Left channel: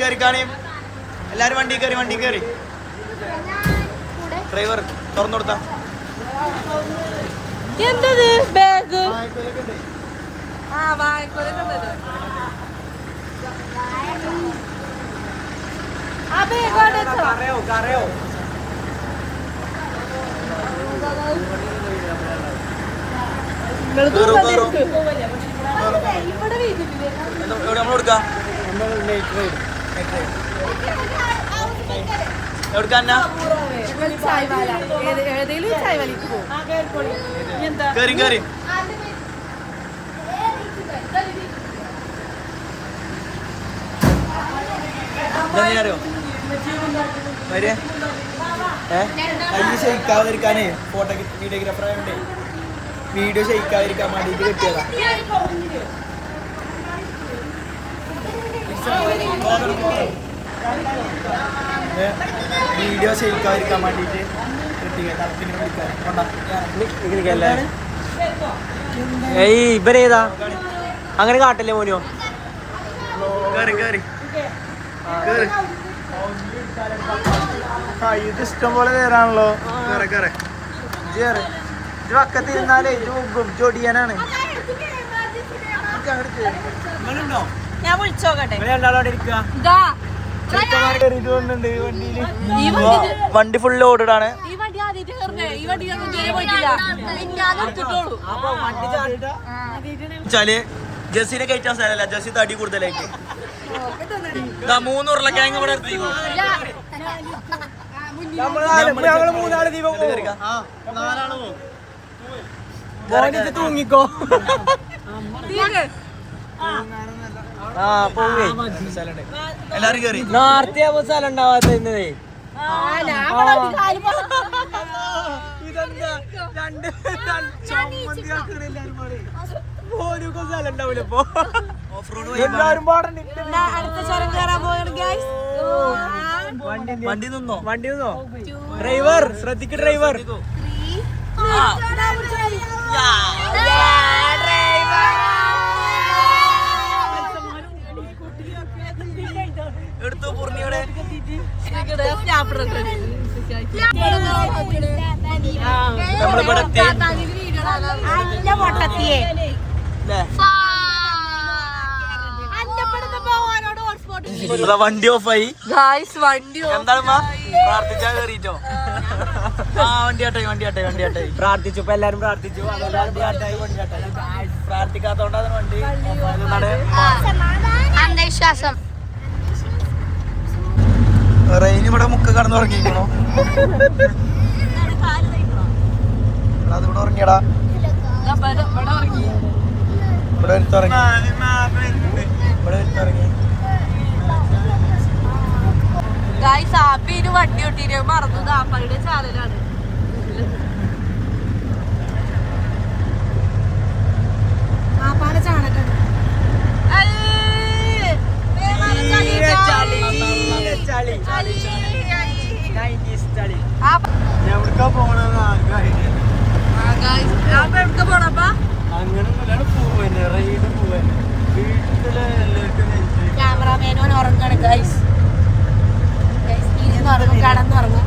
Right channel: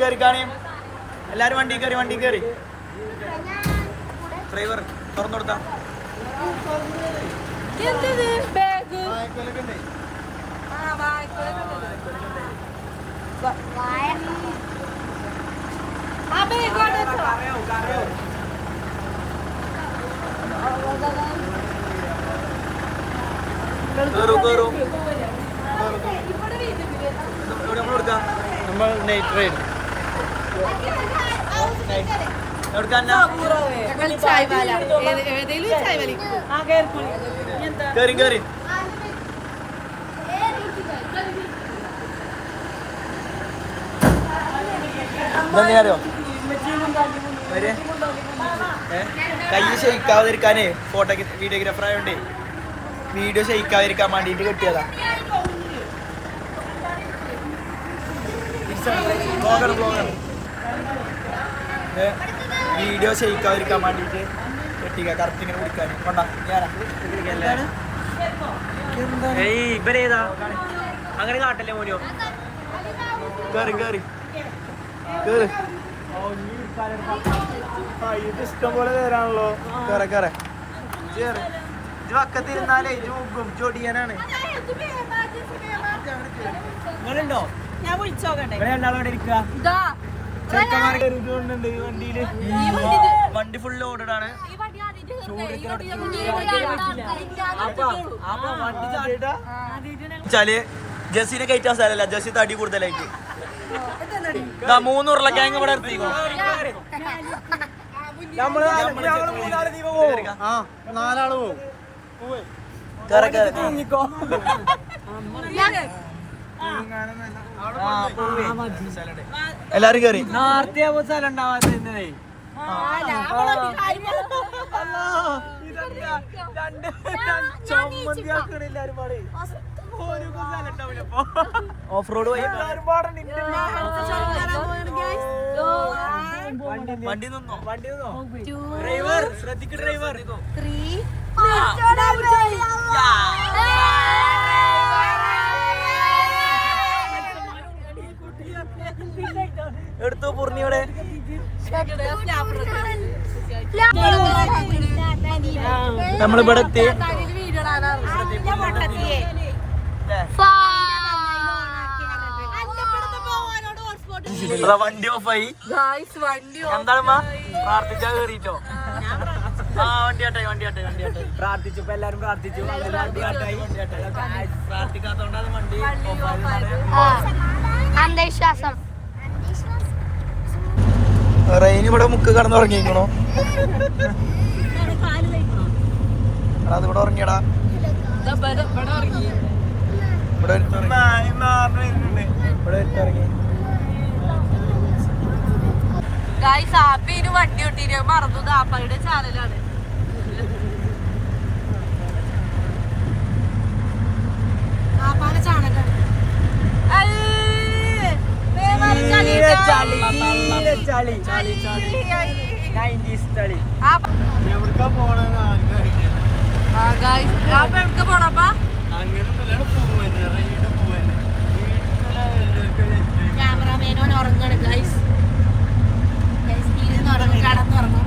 കേറിക്കാണി എല്ലാരും വണ്ടി കയറി ഡ്രൈവർ തുറന്നു കൊടുത്താ കേറി അറിയോ കൈ ഷെയ്ക്കാതിരിക്കാനേ വീഡിയോഗ്രാഫർ ആയോണ്ടേ വീഡിയോ ഷെയ്ക്കാതിരിക്കാൻ വേണ്ടിട്ട് കിട്ടിയതാ. വീഡിയോ ഷെയ്ക്കാതിരിക്കാൻ വേണ്ടിട്ട് കിട്ടിയ കറക്റ്റ് ഇങ്ങനെ വിളിക്കാൻ ഇവരേതാ അങ്ങനെ കാട്ടല്ലേ മോനോ. കേറി ഇത് ഇഷ്ടം പോലെ നേരാണല്ലോ. ഇത് വക്കത്തിരുന്നാലേ ഇത് മുമ്പും ചൊടിയാനാണ്. വണ്ടി ഫുൾ ലോഡാണ്. ജസ്സിനെ കയറ്റാൻ സ്ഥലമല്ല, ജസ്സി തടി കൂടുതലായിട്ട് 3 ഉരുളക്കിഴങ്ങ് ഇവിടെ തൂങ്ങിക്കോ. എല്ലാരും കേറി നേരത്തെ സ്ഥലം ഉണ്ടാവാത്ത ഓഫ് റോഡ് വണ്ടി നിന്നോ ഡ്രൈവർ ശ്രദ്ധിക്ക്. ഡ്രൈവർ എടുത്തു പൂർണിയോടെ നമ്മളിവിടെ വണ്ടി ഓഫായി. എന്താണ് പ്രാർത്ഥിച്ചാ കേറിട്ടോ? വണ്ടി പ്രാർത്ഥിച്ചു. ഇപ്പൊ എല്ലാരും പ്രാർത്ഥിച്ചു. പ്രാർത്ഥിക്കാത്തോണ്ടാണ് വണ്ടി അന്ധവിശ്വാസം. റെയിൻ ഇവിടെ മുക്ക് കടന്നു ഉറങ്ങിക്കണോ? അത് ഇവിടെ ഉറങ്ങിയടാ. ഇവിടെ എടുത്തിറങ്ങി. വണ്ടി ഒട്ടിട്ട് മറന്നു. ദാപ്പയുടെ ചാനലാണ്. ക്യാമറാമാനോട് ഉറങ്ങണം ഗൈസ്. കടന്നു പറഞ്ഞു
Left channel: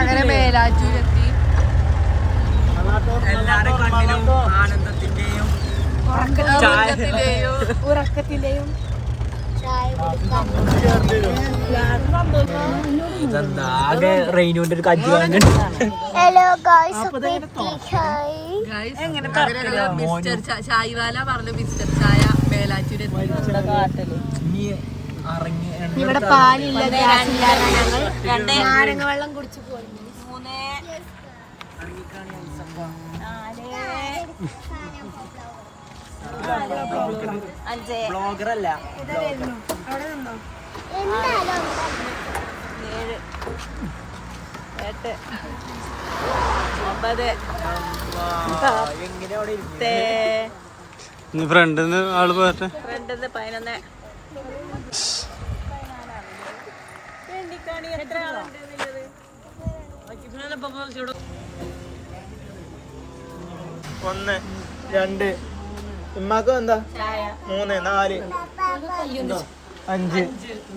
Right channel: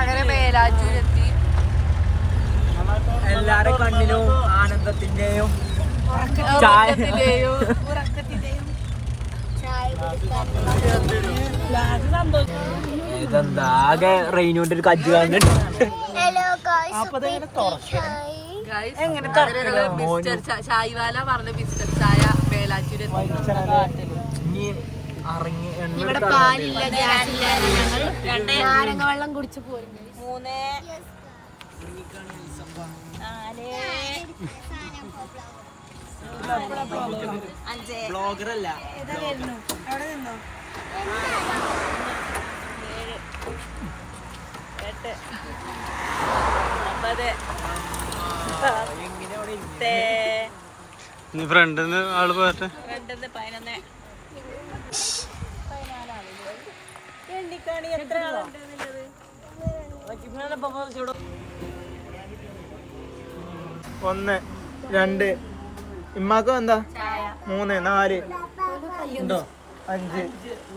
അങ്ങനെ മേലാറ്റൂരെത്തി. എല്ലാരുടെ കണ്ണിലും ആനന്ദത്തിന്റെയും ഉറക്കത്തിന്റെയും ഇതെന്താ ആകെ റെയിനോട്ട് ഒരു കജ്ജ് വാങ്ങി. എങ്ങനെ തുറക്കലോ? ചായവാല പറഞ്ഞു മിസ്റ്റർ ചായ മേലാറ്റൂര്. ഇവിടെ പാലില്ല, നാരങ്ങ വെള്ളം കുടിച്ചു പോയി. 3 ബ്ലോഗറല്ല. അവിടെ നിന്നോ? ഫ്രണ്ടിന്ന് ആള് പോട്ടെ. ഒന്ന് 2 ഇമ്മാക്കോ എന്താ 3 4 5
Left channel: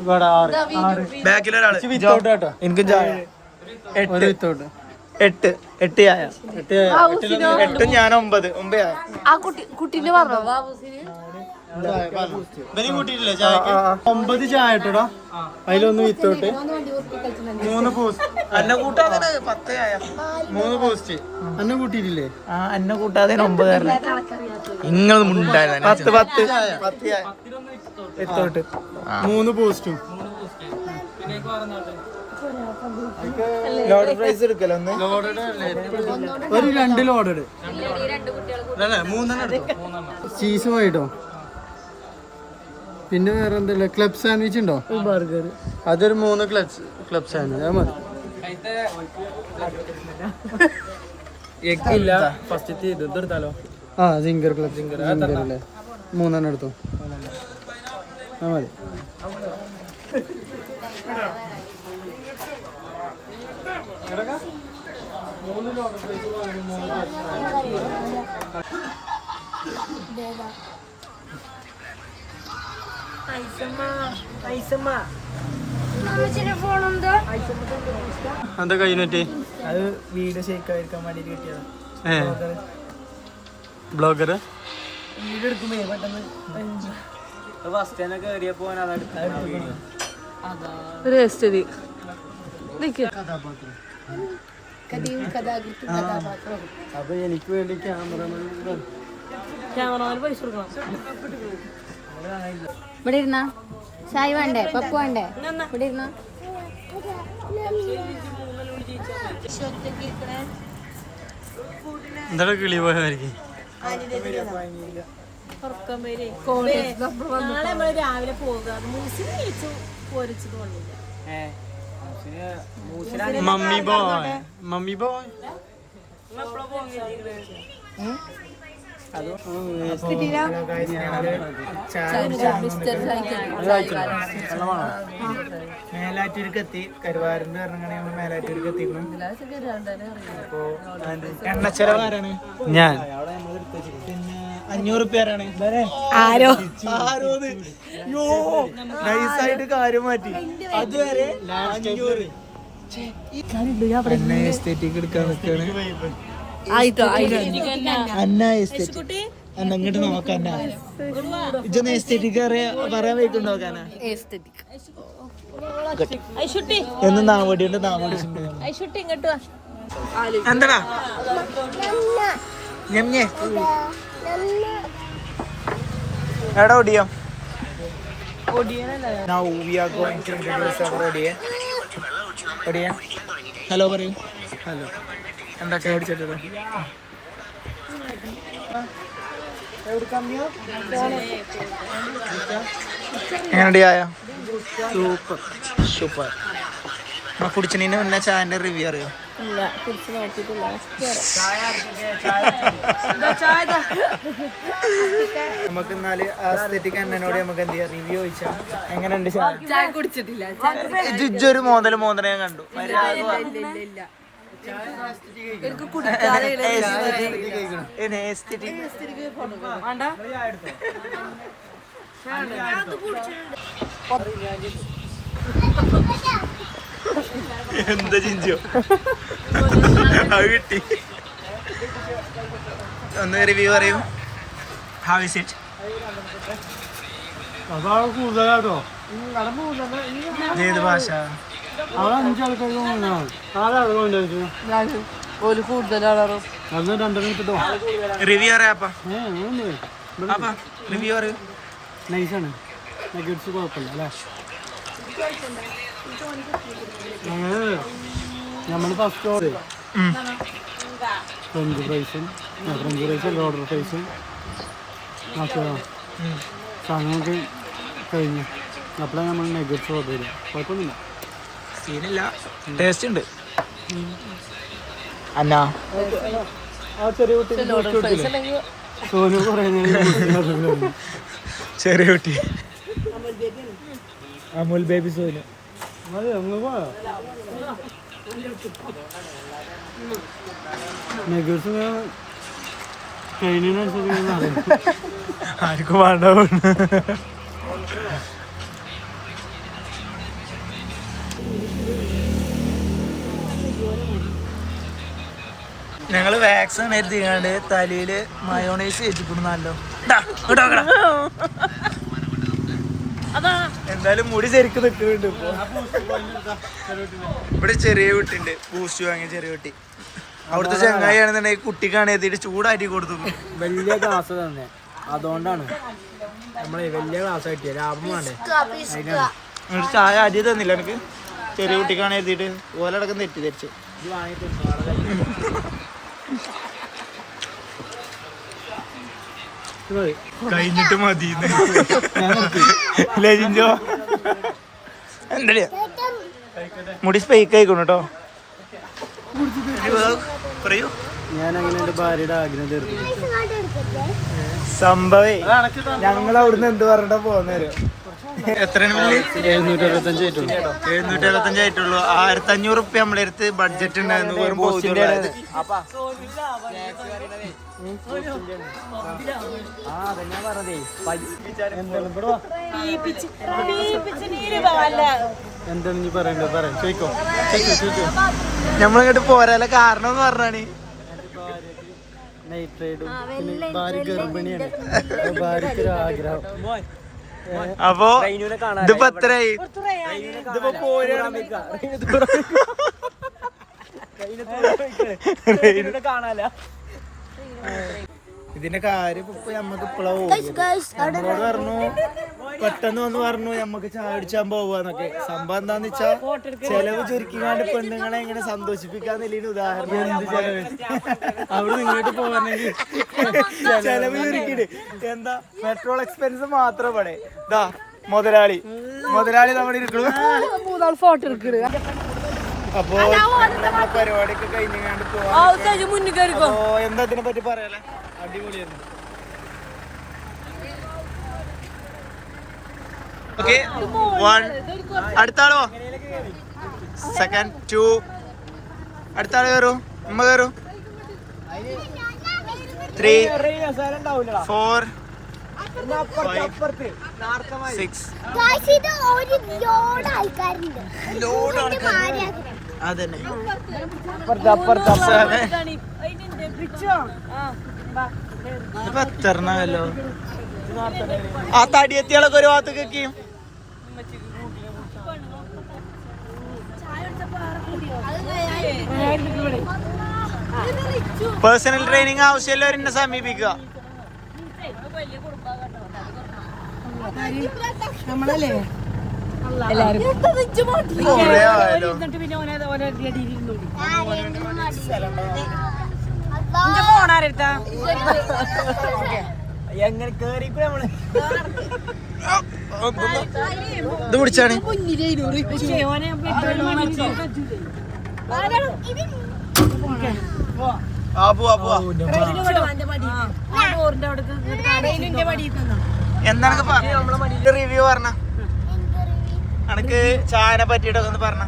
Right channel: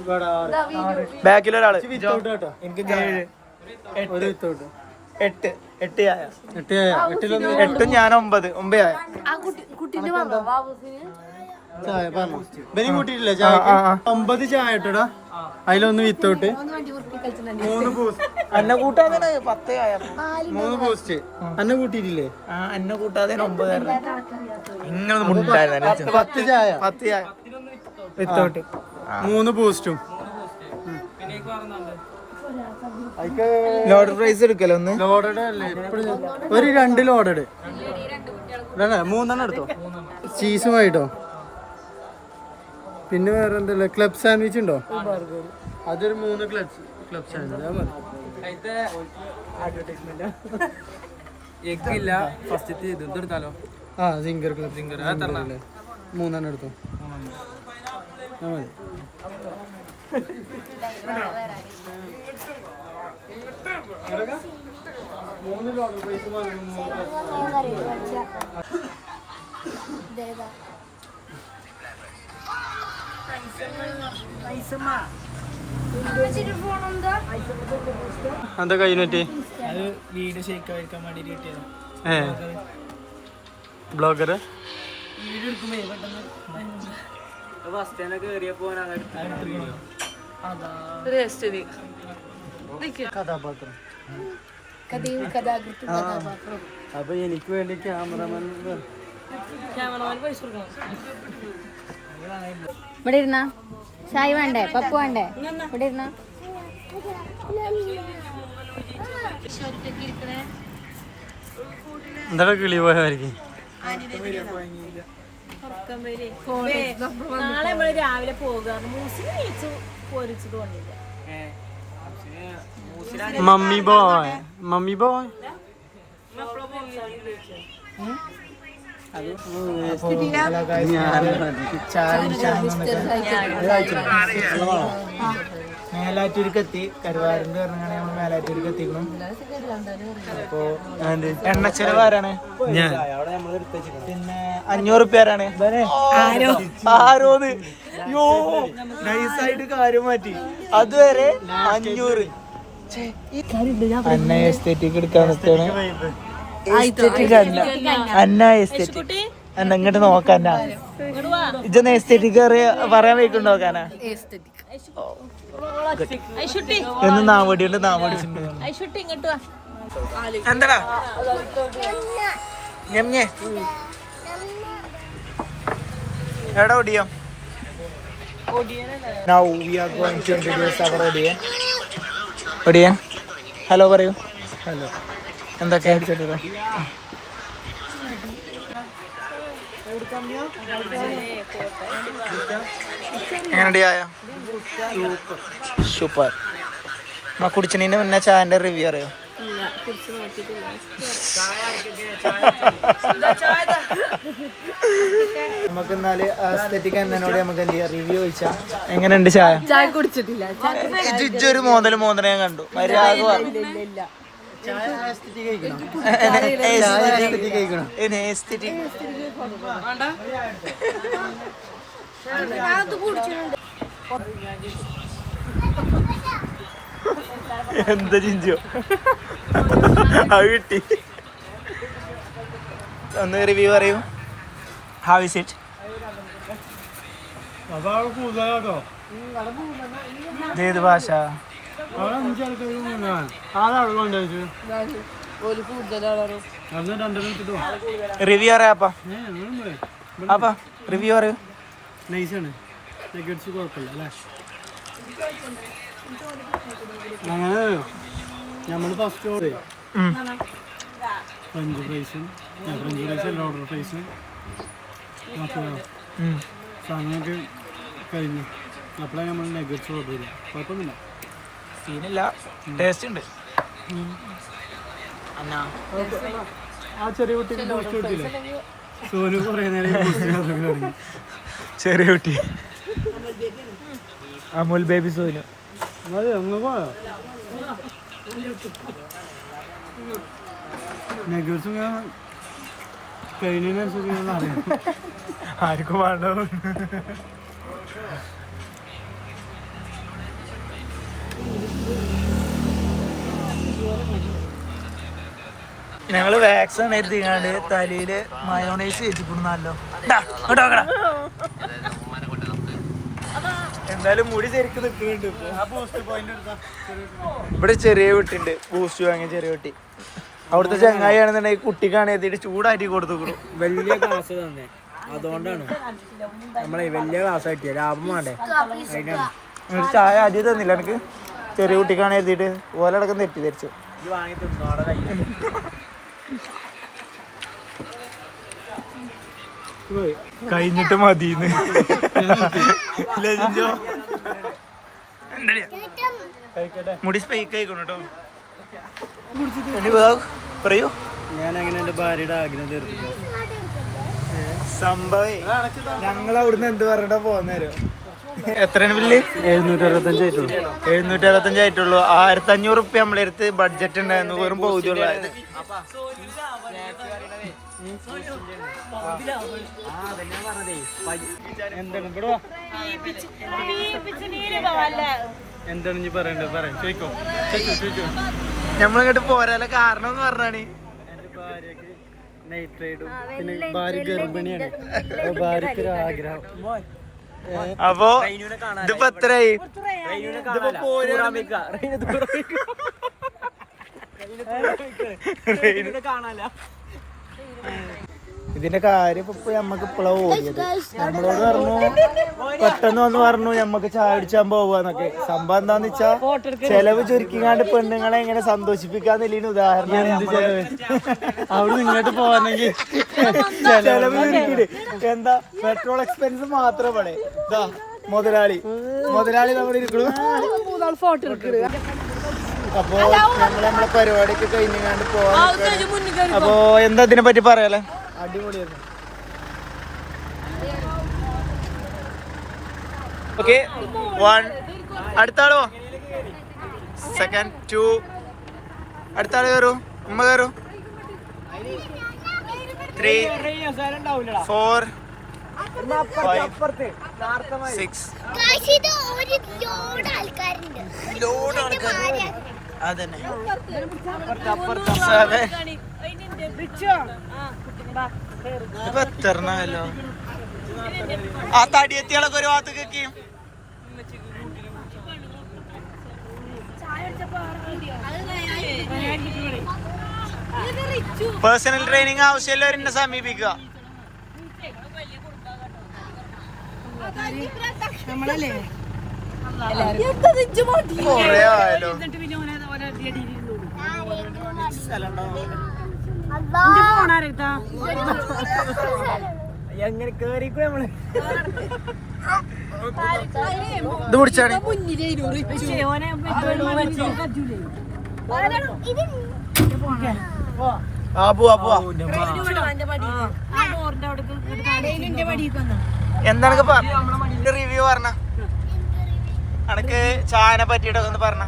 ഇവിടെ 6 ബാക്കിലൊരാള് എനിക്ക് 8 ചായ 8 ഞാൻ 9 ചായ ആ കുട്ടീനെ പറഞ്ഞോ ബാബുസിന് 9 ചായ ഇട്ടടാ അതിലൊന്ന് വിത്തോട്ട് 3 ബൂസ്റ്റ് അന്ന കൂട്ടാ 10 ആയ 3 ബൂസ്റ്റ് അന്നെ കൂട്ടിയിട്ടില്ലേ അന്ന കൂട്ടാതെ 9 നിങ്ങൾ മുണ്ടായിരുന്നു 10 ചായ വിത്തോട്ട് 3 ബൂസ്റ്റും ലോഡ് പ്രൈസ് എടുക്കല്ലോ ഒന്ന് ഒരു 2 ലോഡ് 3 എടുത്തോ. ചീസുമായിട്ടോ. പിന്നെ വേറെ എന്താ ക്ലബ് സാൻഡ്വിച്ച് ഉണ്ടോ? അതൊരു 3 ക്ലബ് സാൻഡ്വിച്ച് മതി. എഗ്ഗില്ല ഫസ്റ്റ് ഇതെടുത്താലോ? ആ സിംഗർ ക്ലബ് സിംഗർ 3 എടുത്തോ. ആ മതി. എന്താ കഴിഞ്ഞിട്ട് അത് വീഡിയോ ഷേക്ക് ആയിരിക്കാൻ വേണ്ടിട്ട് കിട്ടിയതാ. ബ്ലോഗർ വീഡിയോ എടുക്കുമ്പോ പെട്ടെന്ന് കഥാപാത്രം. അപ്പൊ എനിക്ക് വേണ്ടി ക്യാമറമാൻ പൈസ കൊടുക്കണം. ഇവിടെ ഇരുന്ന ഷായ് വേണ്ടേ പപ്പു വേണ്ടേ ഇവിടെ ഇരുന്ന എന്താ കിളി പോയവർക്ക് നാളെ നമ്മള് രാവിലെ പോകാം. മൂസിനെ വിളിച്ചു പോരിച്ചു തോന്നില്ല. മമ്മി ബോയ് മേലാറ്റൂർക്കെത്തി കരുവാരണ്ട് പറഞ്ഞാണ് നമ്മൾ മേലാറ്റൂർക്ക് എത്തിക്കണം. അപ്പൊ എണ്ണച്ചെലവാരാണ് ഞാൻ. പിന്നെ 500 പേരാണ് ആരോന്ന് യോ നൈസായിട്ട് കാര്യം മാറ്റി. അതുവരെ 500 അന്ന എസ്തേറ്റിക് എടുക്കാൻ നിൽക്കാണ്. അന്ന എസ്തേറ്റിക് അന്ന ഇങ്ങോട്ട് നോക്കാൻ ഇജന്ന് എസ്തേറ്റിക് പറയാൻ വയ്ക്കുണ്ടോ നോക്കാനാ എന്ന് നാവടിയുണ്ട് എന്താടാ ഞമ്മേ എടാ ഒടിയോ. Now we are going to introduce our Odiyan. Hello പറയൂ. ഹലോ എന്തൊക്കെ അടിച്ചിട്ടോ എങ്ങനെയുണ്ട് ചായ? സൂപ്പർ. നമ്മളെ കുടിച്ചതിന് മുന്നേ ചായന്റെ റിവ്യൂ അറിയോ? നമുക്ക് എന്നാല് ആസ്തെറ്റിക് എന്നോട് നമുക്ക് എന്ത് ചെയ്യാം റിവ്യൂ ചോദിച്ചാ എങ്ങനെയുണ്ട് ചായ? ചായ കുടിച്ചിട്ടില്ല. ഇജ്ജൊരു മോതല് ഞാൻ കണ്ടു. മര്യാദ എന്താ ചിഞ്ചോ അത് കിട്ടി. ഒന്ന് റിവ്യൂ പറയൂ. How is it? കൂടുതലാട്ടോ. ഏത് ഭാഷ? അവിടെ 5 ആൾക്കാർക്ക് റിവ്യൂ അറിയാപ്പാ റിവ്യൂ അറിയൂ. നൈസാണ്. നെഗറ്റ്സ് കുഴപ്പമില്ല അല്ലേ? ഞങ്ങള് നമ്മൾ ഫസ്റ്റ് ഓർഡർ ഫ്രഞ്ച് ഫ്രൈസും ഓർഡർ ഫ്രൈസും സാധനമൊക്കെ കഴിഞ്ഞു. അപ്പോഴാണ് നമ്മൾ നെഗറ്റ്സ് ഓർഡർ ചെയ്തത്. കുഴപ്പമൊന്നുമില്ല. സീനില്ല, ടേസ്റ്റ് ഉണ്ട്. അന്നാ ചെറിയ കുട്ടി അമുൽ ബേബി സോനു. ആർക്കും വേണ്ട. ഞങ്ങള് വാക്സിൻ എഴുതിക്കാണ്ട് തലയില് മയോണൈസ് വെച്ചിട്ടുണ്ടല്ലോ. എന്തായാലും മുടി ശരിക്കും നിൽക്കുന്നുണ്ട് ഇപ്പൊ. ഇവിടെ ചെറിയ കുട്ടിണ്ട്, ബൂസ്റ്റ് വാങ്ങിയ ചെറിയ കുട്ടി. അവിടുത്തെ ചങ്ങായി ആണെന്നുണ്ടെങ്കിൽ കുട്ടിക്കാണ് എത്തിയിട്ട് ചൂടാറ്റി കൊടുത്തു. വലിയ ക്ലാസ് തന്നെ, അതുകൊണ്ടാണ് നമ്മളെ വലിയ ക്ലാസ് കിട്ടിയ ലാഭം വേണ്ടേ. ഒരു ചായ ആദ്യം തന്നില്ല എനിക്ക്. ചെറിയ കുട്ടിക്കാണ് എഴുതിയിട്ട് ഓലടക്കം തെറ്റിദ്ധരിച്ചു. കഴിഞ്ഞിട്ട് മതി. മുടി സ്പെയ്ക്ക് ആയിക്കോണു കേട്ടോ. പറയൂ. ഞാനങ്ങനെ എന്റെ ഭാര്യയുടെ ആഗ്രഹം തീർത്തില്ല. സംഭവേ ഞങ്ങൾ അവിടുന്ന് എന്ത് പറഞ്ഞിട്ടാ പോന്നേരോ. എത്രയാണ് ബില്ല്? 765 ആയിട്ടുള്ളൂ. 765 ആയിട്ടുള്ളൂ. 1500 റുപ്യ നമ്മളെ അടുത്ത് ബഡ്ജറ്റ് ഉണ്ടായിരുന്നു. വെറും പൗതിയുള്ളത്. എന്താണ് നീ പറയണ്ടത്? പറയാം, ചോദിക്കോ. നമ്മളിങ്ങോട്ട് പോരാല കാരണം എന്ന് പറഞ്ഞാണ് എന്റെ ഭാര്യക്ക് നൈറ്റ് റൈഡും പിന്നെ ഭാര്യ ഗർഭിണിയാണ്. ഭാര്യക്ക് ഒരു ആഗ്രഹം. അപ്പൊ ഇതിപ്പോ എത്രയായി? ഇതിപ്പോ പോരാണ്. ഇതിന്റെ കാര്യം ഇപ്പൊ നമ്മക്ക് ഇപ്പളാ ഓടിയത്. നമ്മളോട് പറഞ്ഞു പെട്ടെന്ന് വന്ന് പറഞ്ഞു നമ്മക്ക് ചായ അടിച്ചാൻ പോവാന്നൊക്കെ. സംഭവം എന്താന്ന് വെച്ചാ ചെലവ് ചുരുക്കിങ്ങാണ്ട് പെണ്ണുങ്ങളെ എങ്ങനെ സന്തോഷിപ്പിക്കാന്നില്ല ഉദാഹരണമാണ്. അവിടെ ഇങ്ങോട്ട് പോവാന്നെങ്കിൽ ചെലവ് ചുരുക്കിട്ട് എന്താ പെട്രോൾ എക്സ്പെൻസ് മാത്രം ഇവിടെ. ഇതാ മുതലാളി നമ്മൾ ഇരിക്കണു. അപ്പൊ നമ്മളെ പരിപാടിയൊക്കെ കഴിഞ്ഞാണ്ട് പോവാ. അപ്പൊ എന്താ ഇതിനെ പറ്റി പറയാലോ? അടിപൊളിയായിരുന്നു. ഓക്കെ, 1 അടുത്ത ആളോ? സെക്കൻഡ് 2 അടുത്ത ആള് കയറൂ. ഉമ്മ കയറൂ. 3 4 5 6 ലോഡ് ആൾക്കാർ. അതന്നെ 7 ഇപ്പൊ എത്തരണല്ലോ. ആ തടിയെത്തിയാളൊക്കെ ഒരു ഭാഗത്തേക്ക്. പേഴ്സണൽ ട്രെയിനിങ് ആവശ്യമുള്ളവർ എന്നെ സമീപിക്കുക. കൊറേ ആയാലോ. എങ്ങനെ കേറിക്കൂ നമ്മള്. ഇത് പിടിച്ചാണ്. എന്താണ് റിവ്യൂ പറഞ്ഞ അനക്ക് ചായനെ പറ്റിട്ടൊന്ന് പറഞ്ഞ.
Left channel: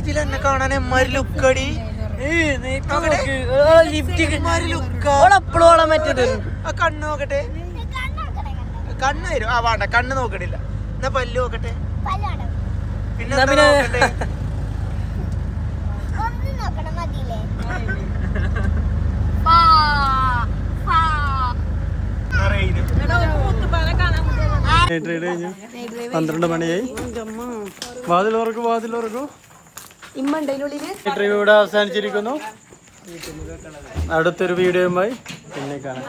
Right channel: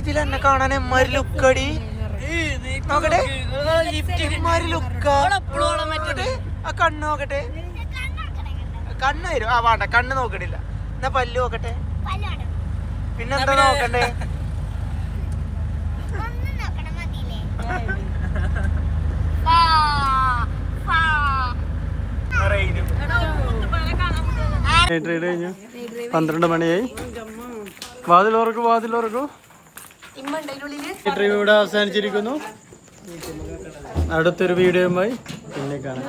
ഇതിലെന്നെ കാണാൻ എമ്മാര് ലുക്കടി. നോക്കട്ടെ ആ കണ്ണ് നോക്കട്ടെ. കണ്ണ് തരും. ആ വേണ്ട, കണ്ണ് നോക്കണില്ല. എന്നാ പല്ല് നോക്കട്ടെ. പിന്നെന്താ നോക്കണ്ടേ? നൈറ്റ് റൈഡ് കഴിഞ്ഞു. 12 മണിയായി. വാതിലോർക്കൂ. ഇന്റർവ്യൂ ഇവിടെ അവസാനിച്ചിരിക്കുന്നു. അടുത്തൊരു വീഡിയോയുമായി പിന്നെ കാണാം.